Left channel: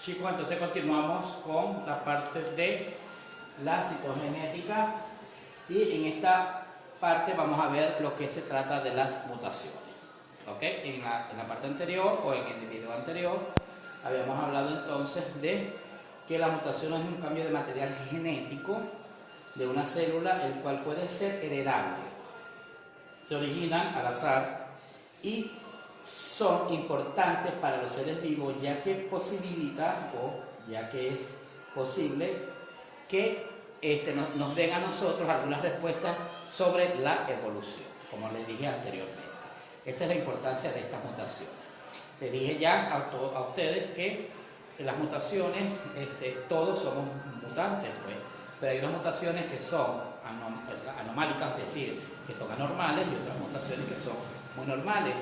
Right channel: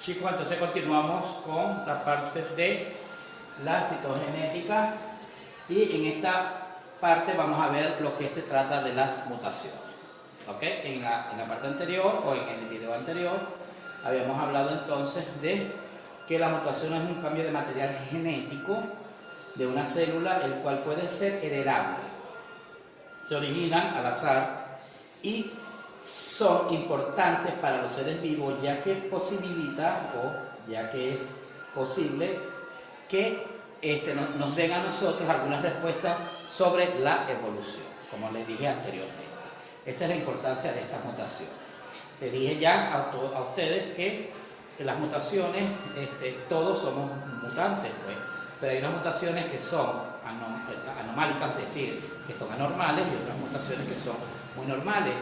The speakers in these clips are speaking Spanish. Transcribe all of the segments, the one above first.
Chicos, entonces continuamos con la parte de la citogenética y en esta parte vamos a ver lo que se trata de las mutaciones. ¿Ok? En la parte anterior o en el video anterior habíamos hablado entonces de que la mutación es un cambio de material genético de una célula, el cual puede ser heredable. Se originan al azar y son importantes para los seres vivos, ya que posibilita o ya que es posible que nos den a nosotros algunas respuestas sobre la evolución, como les dije anteriormente. Esa es la importancia de estas mutaciones. Les dije ya a ustedes que en las mutaciones todos somos mutantes, pues, pero hay unas mutaciones que son anomálicas, es decir, que son anormales, y otras mutaciones que son muy normales,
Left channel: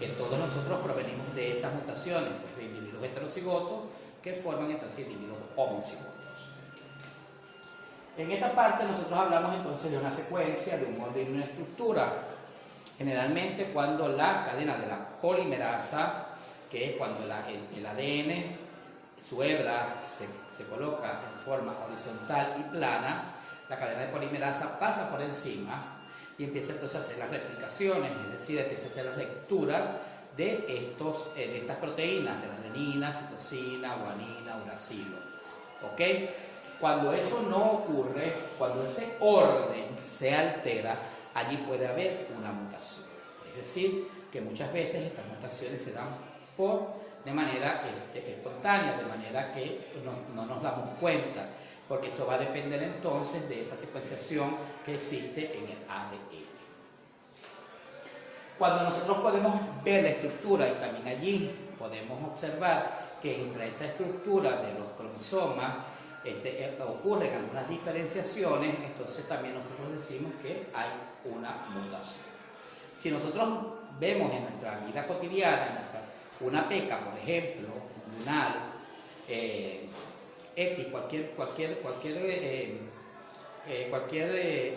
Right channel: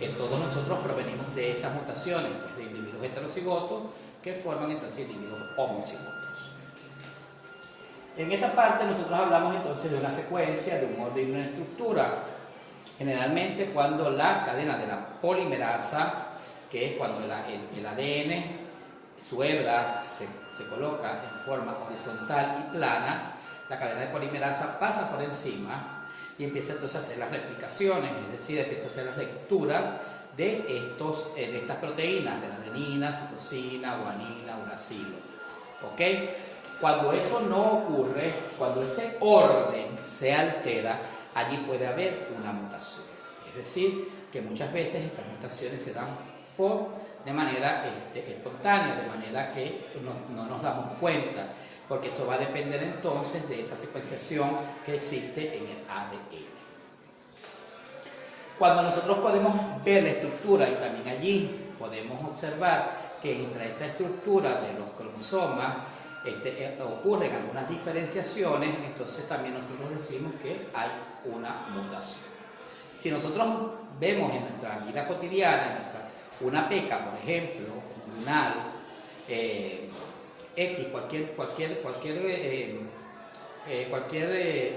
que todos nosotros provenimos de esas mutaciones, pues, de individuos heterocigotos que forman entonces individuos homocigotos. En esta parte nosotros hablamos entonces de una secuencia, de un orden y una estructura. Generalmente cuando la cadena de la polimerasa, que es cuando el ADN, su hebra se coloca en forma horizontal y plana, la cadena de polimerasa pasa por encima y empieza entonces a hacer las replicaciones, es decir, empieza a hacer la lectura de estas proteínas, de la adenina, citosina, guanina, uracilo. ¿Ok? Cuando eso no ocurre, cuando ese orden se altera, allí puede haber una mutación. Es decir, que muchas veces estas mutaciones se dan de manera espontánea, de manera que no nos damos cuenta, porque eso va a depender entonces de esa secuenciación que existe en el ADN. Cuando nosotros podemos ver la estructura y también allí podemos observar que entre esa estructura de los cromosomas ocurren algunas diferenciaciones, entonces también nosotros decimos que hay una mutación. Si nosotros vemos en nuestra vida cotidiana, una peca, por ejemplo, lunar, X, cualquier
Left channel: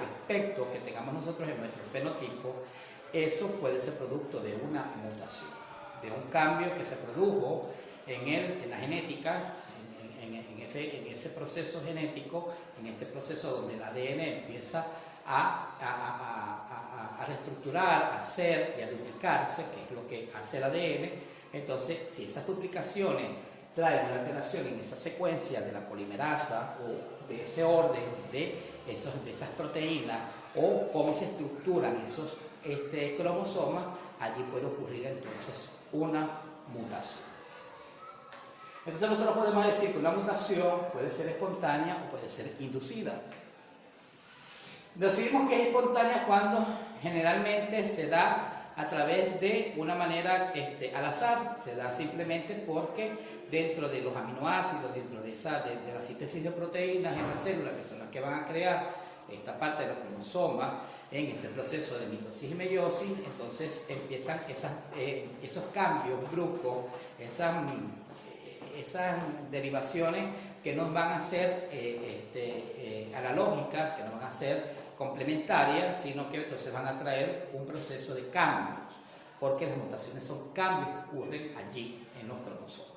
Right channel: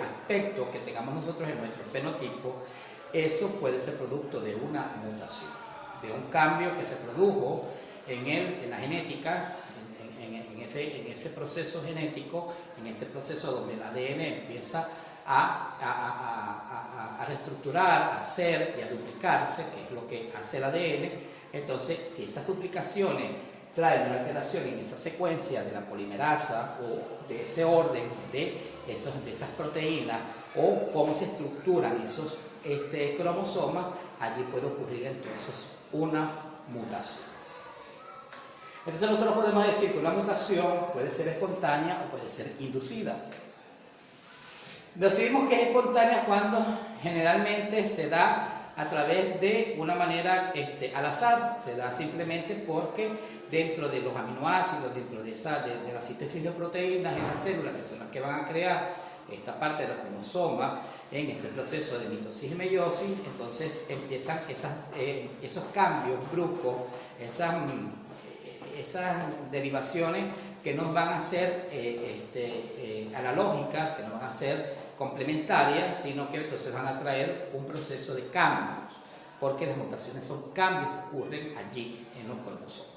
aspecto que tengamos nosotros en nuestro fenotipo, eso puede ser producto de una mutación, de un cambio que se produjo en la genética, en ese proceso genético, en ese proceso donde el ADN empieza a reestructurar, a hacer y a duplicarse, que es lo que hace el ADN. Entonces, si esas duplicaciones traen una alteración en esa secuencia de la polimerasa o de ese orden de esas proteínas o cómo se estructuran esos cromosomas, allí puede ocurrir entonces una mutación. Entonces nosotros podemos decir que una mutación puede ser espontánea o puede ser inducida. Decidimos que es espontánea cuando generalmente se da a través de una manera al azar, se da simplemente porque dentro de los aminoácidos, dentro de la síntesis de proteínas en las células, que son las que van a crear esta parte de la cromosoma en este proceso de mitosis y meiosis, entonces empiezan esos cambios bruscos, esas derivaciones que nos van a ser analógicas, que no van a ser complementarias, sino que entonces van a traer un proceso de cambios, porque las mutaciones son cambios que ocurren allí en los cromosomas.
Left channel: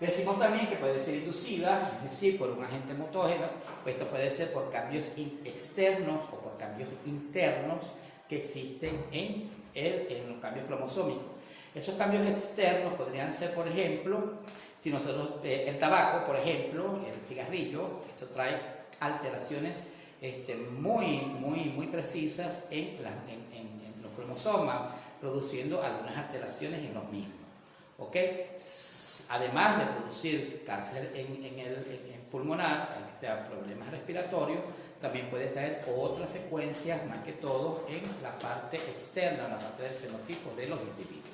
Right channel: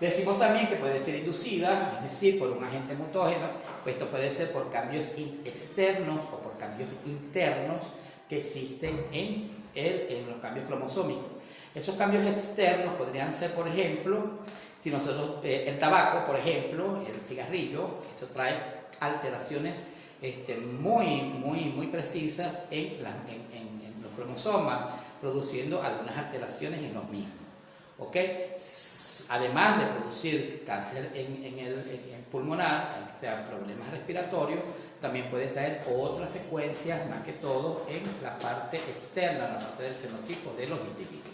Decimos también que puede ser inducida, es decir, por un agente mutógeno. Esto puede ser por cambios externos o por cambios internos que existen en los cambios cromosómicos. Esos cambios externos podrían ser, por ejemplo, si nosotros, el tabaco, por ejemplo, el cigarrillo, esto trae alteraciones muy precisas en los cromosomas, produciendo algunas alteraciones en los mismos. ¿Okay? Además de producir cáncer en el pulmonar, o sea, problemas respiratorios, también puede traer otras secuencias, más que todo en la parte externa, en la parte del fenotipo de los individuos.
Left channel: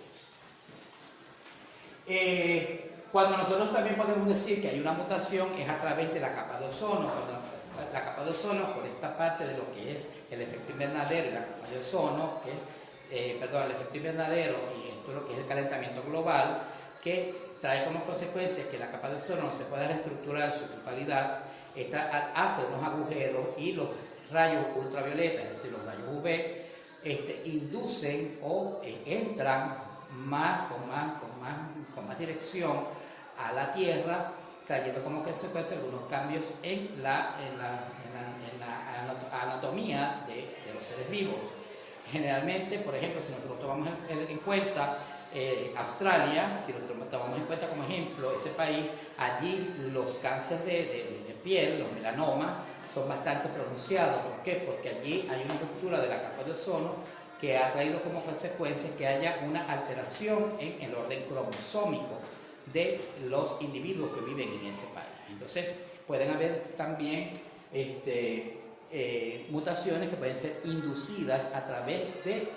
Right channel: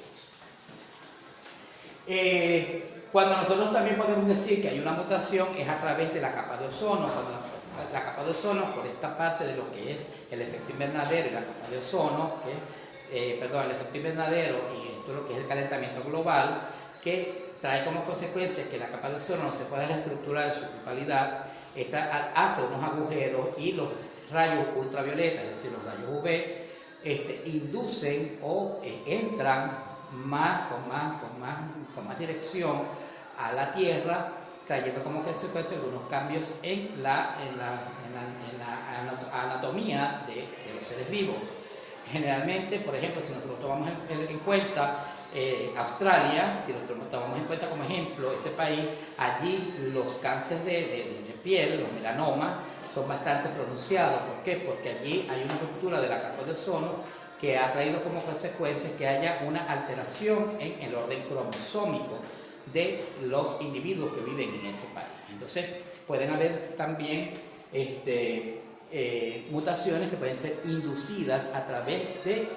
Cuando nosotros también podemos decir que hay una mutación es a través de la capa de ozono. Cuando la capa de ozono, por esta parte de lo que es el efecto invernadero y la capa de ozono, el efecto invernadero y esto lo que es el calentamiento global, que trae como consecuencia que la capa de ozono no se pueda reestructurar en su totalidad, hace unos agujeros y los rayos ultravioletas, es decir, los rayos UV, inducen o entran con más dirección a la Tierra, trayendo como consecuencia algunos cambios en la anatomía de los seres vivos. Generalmente, por ejemplo, si nosotros tomamos en cuenta Australia, si nosotros tomamos en cuenta como ejemplo ese país, allí los cánceres de piel, los melanomas, son bastante pronunciados. ¿Por qué? Porque allí hay una ruptura de la capa de ozono que ha traído como consecuencia que haya una alteración en el orden cromosómico de los individuos que viven en ese país. Entonces pueden haber también mutaciones que pueden ser inducidas a través del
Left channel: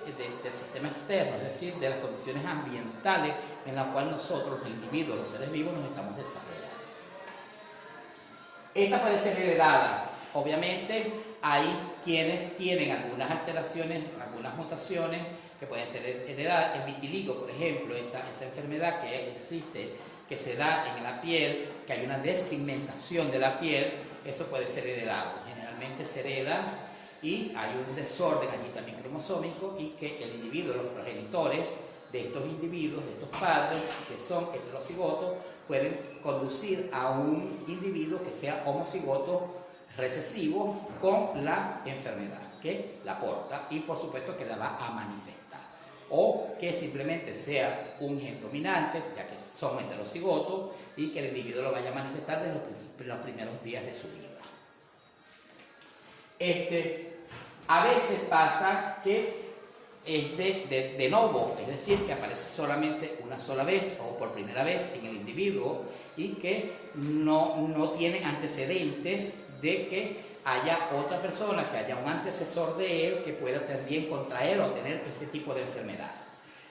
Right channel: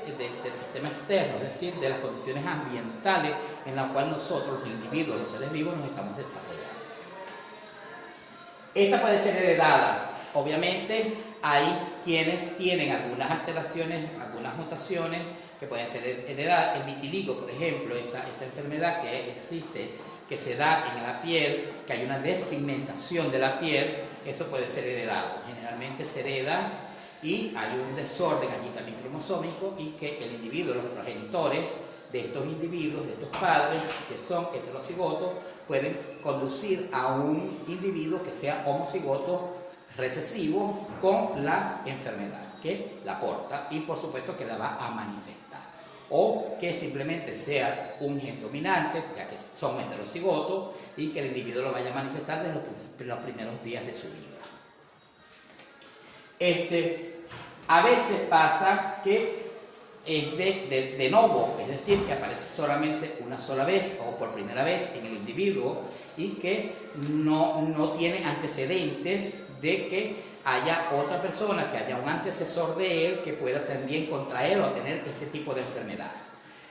sistema externo, es decir, de las condiciones ambientales en las cuales nosotros, los individuos, los seres vivos, nos estamos desarrollando. Esta puede ser heredada. Obviamente hay quienes tienen algunas alteraciones, algunas mutaciones que pueden ser heredadas. El vitiligo, por ejemplo, esa enfermedad que existe, que se da en la piel, que hay una despigmentación de la piel, eso puede ser heredado. Generalmente se hereda y hay un desorden allí también cromosómico y que el individuo, los progenitores de estos individuos, de estos padres que son heterocigotos, pueden conducir a un individuo que sea homocigoto recesivo con la enfermedad que la porta y por supuesto que la va a manifestar, o que simplemente sea un gen dominante, ya que son heterocigotos, y que el individuo lo vaya a manifestar desde los primeros días de su vida. A veces pasa que es de novo, es decir, que aparece solamente una sola vez o por primera vez en el individuo y que no tiene antecedentes de que haya otra persona, que haya un antecesor de él que pueda también contraer o tener este tipo de enfermedad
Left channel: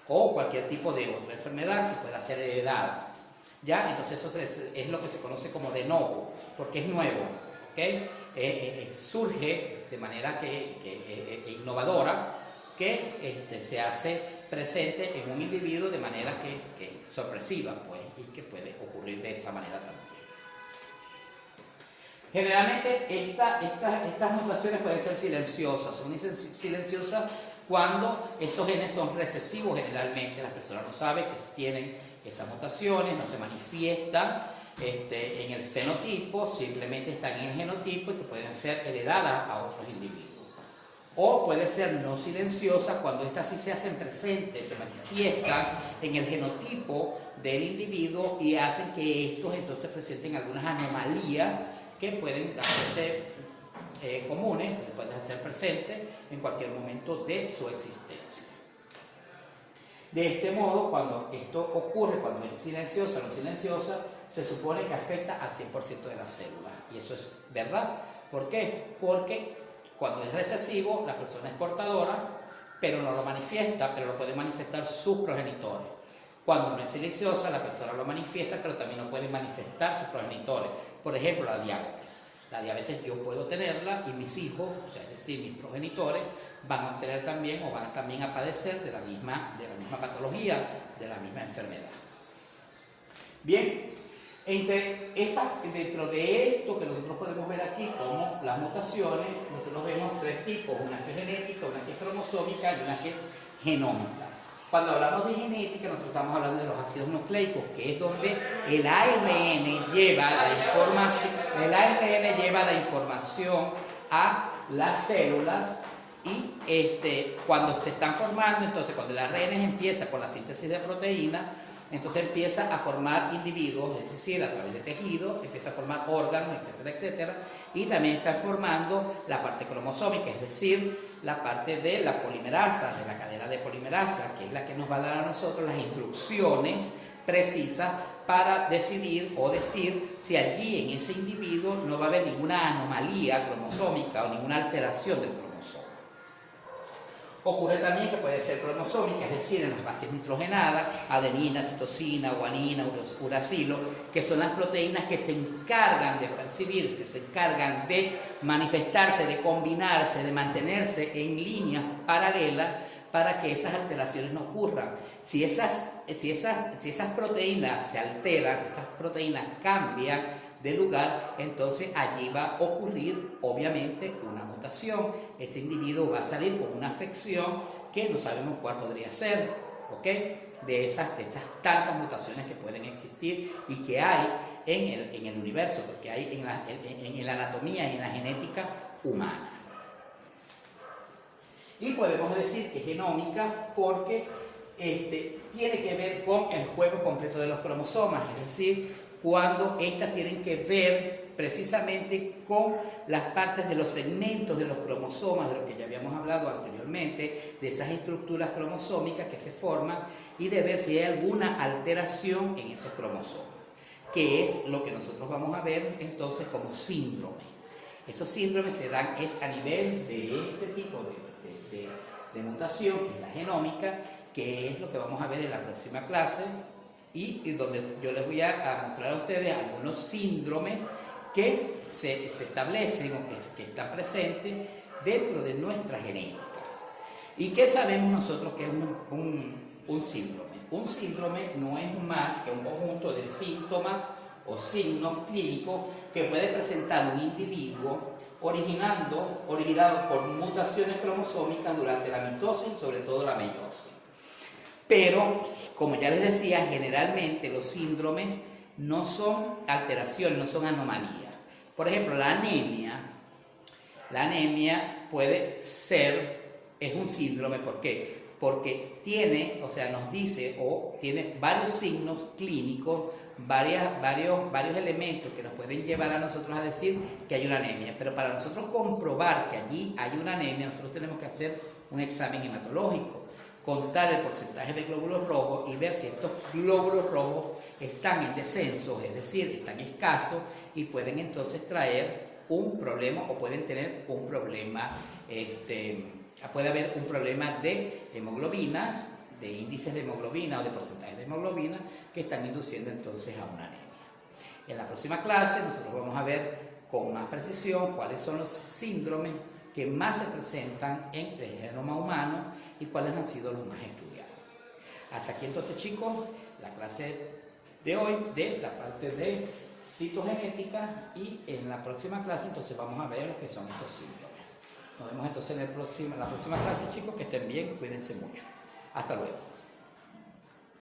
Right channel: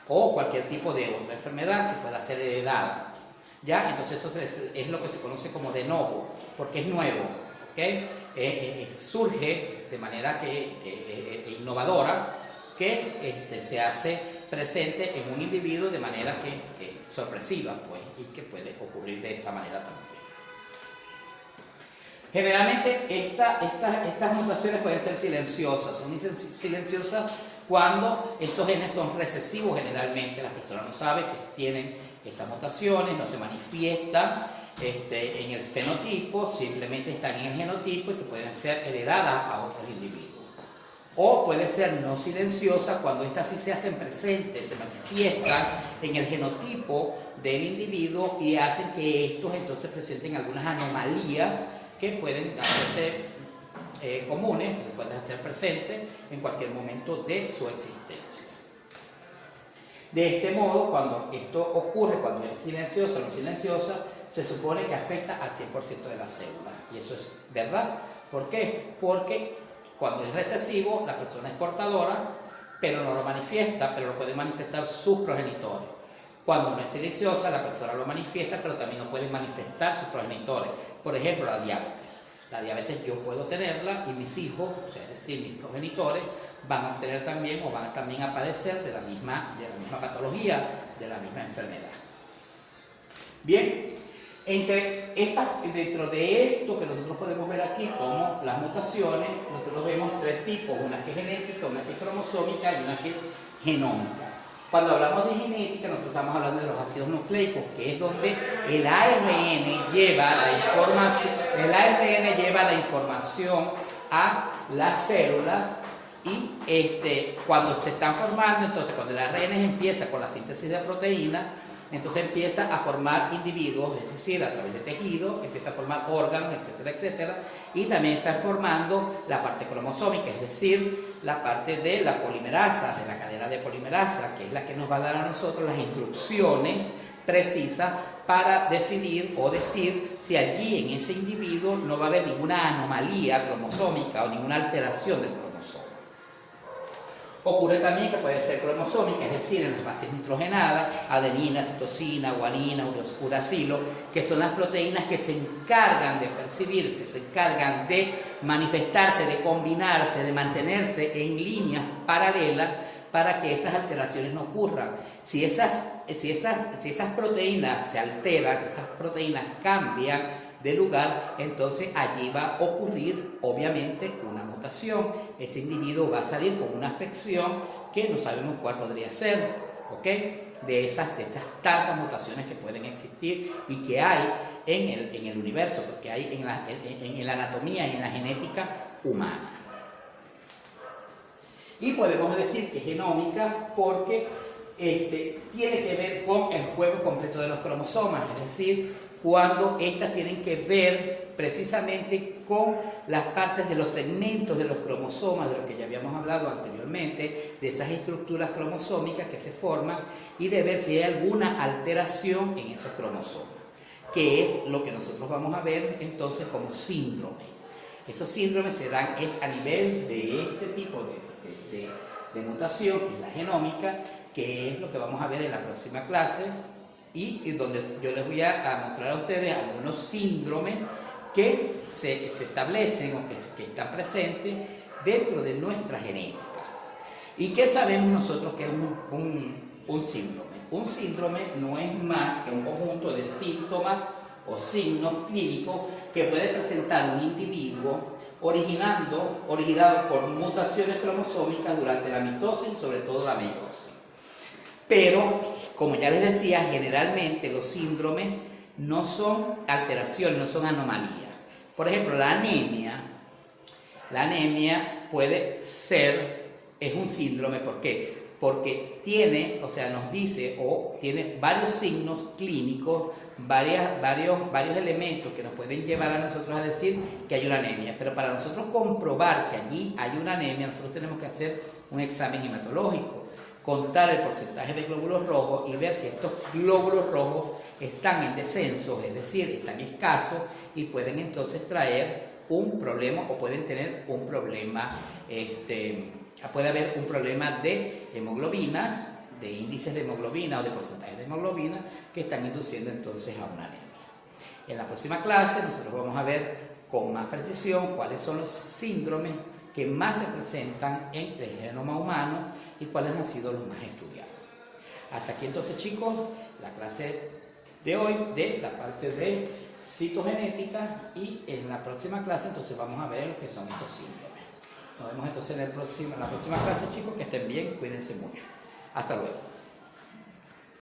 o cualquier tipo de otra enfermedad que pueda ser heredada. ¿Ya? Entonces eso es lo que se conoce como de novo, porque es nuevo, ¿okay? Surge de manera innovadora, que se hace presente en un individuo de manera que sorpresiva, pues, y que puede ocurrir de esa manera también. Generalmente estas mutaciones pueden ser silenciosas, son silenciosas cuando estos genes son recesivos. Generalmente las personas no saben que tienen esas mutaciones, no se manifiestan en el fenotipo, simplemente están en el genotipo y que pueden ser heredadas a otros individuos. O puede ser no silenciosa cuando estas sí se hacen presentes, se manifiestan en el genotipo del individuo y hacen que estos entonces presenten algunas anomalías que pueden hacerse comunes, que pueden hacer presentes en cualquier momento de su existencia. De este modo, cuando esto ocurre, cuando es silenciosa o no silenciosa, se supone que afecta al 100% de las células. Y eso es verdad. ¿Por qué? Porque cuando es recesivo, la persona es portadora, pero no lo manifiesta, pero lo pueden manifestar sus progenitores. Cuando no es silenciosa, la persona lo manifiesta, pero también lo pueden manifestar sus progenitores. Por ejemplo, la diabetes. La diabetes yo puedo tenerla y mis hijos, o sea, es decir, mis progenitores, van a obtener también o van también a padecer de la misma patología, de la misma enfermedad. Bien, dentro de esto que nosotros podemos ver aquí como las mutaciones, nosotros vemos tres tipos, una que es genética, una que es cromosómica y una que es genómica. Cuando hablamos de genética, nosotros estamos hablando de los ácidos nucleicos, que es donde el ARN lleva la información a las células y cuando se están formando, entonces cuando el ARN empieza con la síntesis de proteínas, entonces empieza a formar individuos, es decir, a través de tejidos, empieza a formar órganos, etcétera, etcétera, y también está formando la parte cromosómica, es decir, la parte de la polimerasa, de la cadena de polimerasa, que es la que nos va a dar a nosotros las instrucciones precisas para decidir o decir si allí en ese individuo no va a haber ninguna anomalía cromosómica o ninguna alteración del cromosoma. Ocurre también que puede ser cromosómica, es decir, en las bases nitrogenadas, adenina, citosina, guanina, uracilo, que son las proteínas que se encargan de percibir, que se encargan de manifestarse, de combinarse, de mantenerse en líneas paralelas para que esas alteraciones no ocurran. Si esas proteínas se alteran, si esas proteínas cambian de lugar, entonces allí va a ocurrir obviamente una mutación. Ese individuo va a salir con una afección que no sabemos cuál podría ser, ¿ok? de estas tantas mutaciones que pueden existir y que hay en el universo, porque hay en la anatomía y en la genética humana. Y podemos decir que es genómica porque tiene que ver con el juego completo de los cromosomas, es decir, cuando estas tienen que ver precisamente con las partes de los segmentos de los cromosomas, de lo que ya habíamos hablado anteriormente, de esas estructuras cromosómicas que se forman y de ver si hay alguna alteración en esos cromosomas, que es lo que nosotros vamos a ver entonces como síndrome. Esos síndromes se dan a nivel de este tipo de mutación, que es la genómica, que es lo que vamos a ver en la próxima clase y donde yo les voy a mostrar a ustedes algunos síndromes que se establecen o que están presentes dentro de nuestra genética. ¿Y qué sabemos nosotros que es un síndrome? Un síndrome no es más que un conjunto de síntomas o signos clínicos que puede presentar un individuo originado por mutaciones cromosómicas durante la mitosis, sobre todo la meiosis. Pero, como ya les decía, generalmente los síndromes no son alteraciones, no son anomalías. Por ejemplo, la anemia puede ser, es un síndrome, ¿por qué? Porque tiene, o sea, nos dice o tiene varios signos clínicos, varios elementos que nos pueden llevar a nosotros a decir que hay una anemia. Pero para nosotros comprobar que allí hay una anemia, nosotros tenemos que hacer un examen hematológico, contar el porcentaje de glóbulos rojos y ver si estos glóbulos rojos están en descenso, es decir, están escasos y pueden entonces traer un problema o pueden tener un problema, puede haber un problema de hemoglobina, de índices de hemoglobina o de porcentaje de hemoglobina que están induciendo entonces a una anemia. En la próxima clase nosotros vamos a ver con más precisión cuáles son los síndromes que más se presentan en el genoma humano y cuáles han sido los más estudiados. Hasta aquí entonces, chicos, la clase de hoy de la parte de citogenética y en la próxima clase entonces vamos a ver lo que son estos síndromes. Nos vemos entonces en la próxima clase, chicos, que estén bien, cuídense mucho. Hasta luego.